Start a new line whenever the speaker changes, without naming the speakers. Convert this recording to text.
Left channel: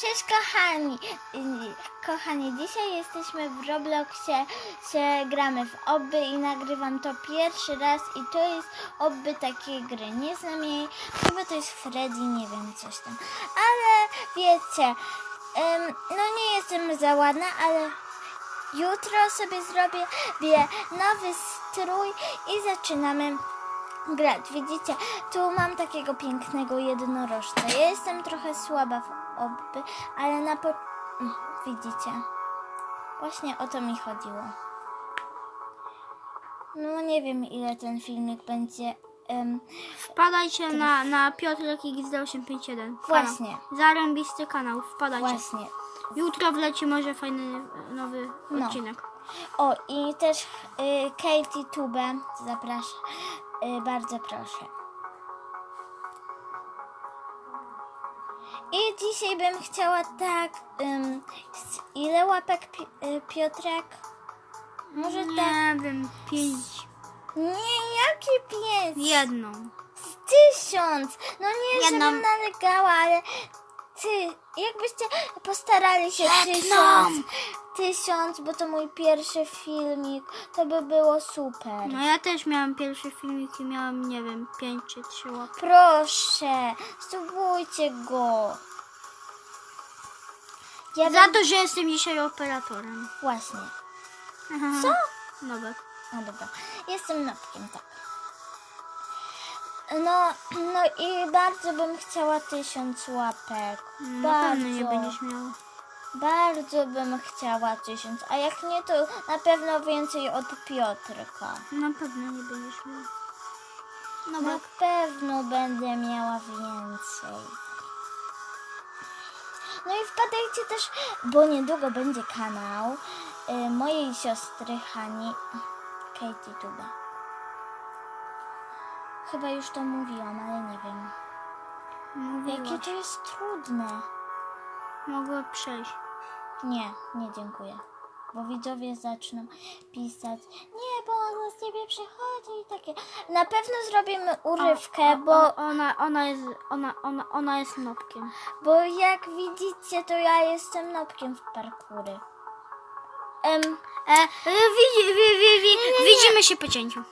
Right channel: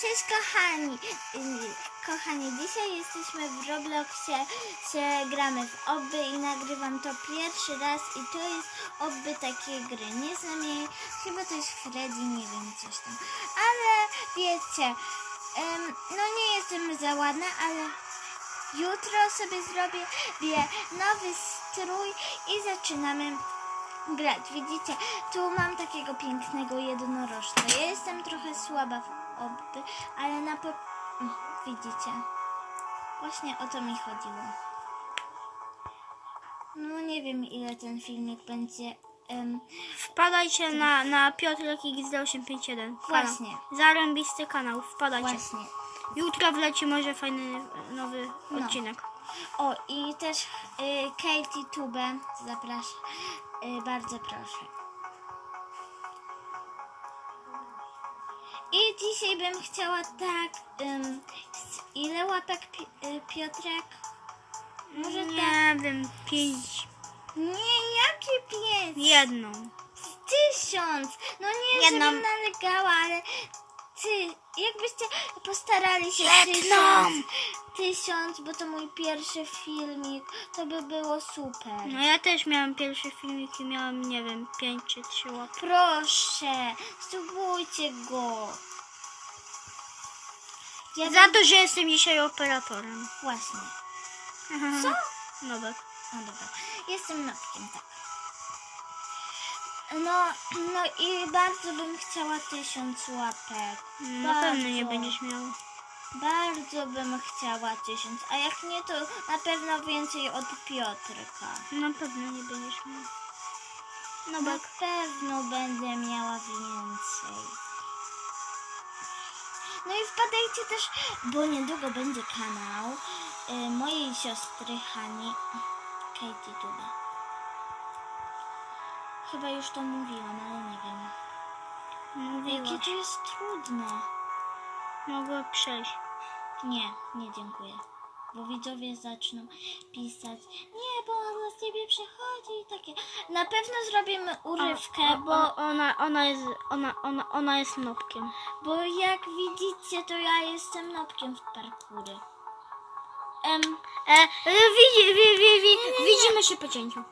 Cześć kochani! Y, Kochani, dzisiaj jesteśmy w Robloxie, się gramy w obby i nagrywam to pierwszy raz i to jest obby takiej gry. Nie znam jej, chyba to jest Freddy, nie wiem, coś tam. Ale wiecie, ym, no nie jestem za ładna, ale jutro sobie zrobię wie, nowy strój i zaczynamy grać. Widzicie, tu mam takiego pięknego jednorożca. Ja jestem trochę słaba w obby, ale na po... Mm, Widzicie? Właśnie o to mi chodziło. No nie wiem ile ten filmik będzie. em,
Wpadajcie na, na Piotrek XD851.
Właśnie.
Zarąbisty kanał, wpadajcie.
właśnie.
Jutro wleci może fajny nowy
No.
odcinek.
O i też y, Katie Tube zapraszam. Y, bardzo proszę. I dzisiaj bym chciała tak. z ile łapek pi, y, Piotrek? Może tak.
Nie wiem, pięć.
Nie, jaki pięć?
Jedną.
Z tysiąc! No nie,
Jedną.
żebym nalegała, ale ty, jakbyście postarali się tysiąc, tysiąc, bo to mój pierwszy filmik, to by było super.
No ja też miałem pierwszy filmik i miałem, nie wiem, pięć czy trzy łapki.
Proszę, spróbujcie go. Ja
Za
bym-
to, że jestem dzisiaj operatorem.
Właśnie.
Co? Nowek.
No dobra, jestem nowkiem, tak. No, no i bardzo bym chciała tysiąc łapek.
Na pewno nie
Bardzo.
będziesz miał.
Bardzo bym chciała tysiąc, a jak nie, to na pewno więcej od Piotrka.
Na pewno nie będziesz miał.
Na
Nowek.
pewno będę miała więcej. No i wpadajcie też, bo niedługo będzie kanał y, mojej siostry Hani, Katie Tuba. Chyba już to mówiłam, ale nie wiem. Jakie
Mówiłaś.
to jest trudne.
Mogę przejść.
Nie, nie dziękuję. Bo widzowie zaczną pisać, nie, bo on z ciebie przychodzi i takie. Na pewno zrobimy urywkę,
O,
bo,
o, ona, ona jest, ona, ona, ona jest nopkiem.
bo jak widzicie, to ja jestem nopkiem w parkury. Em,
E, widzi, wi, wi, wi, widzimy się po cięciu.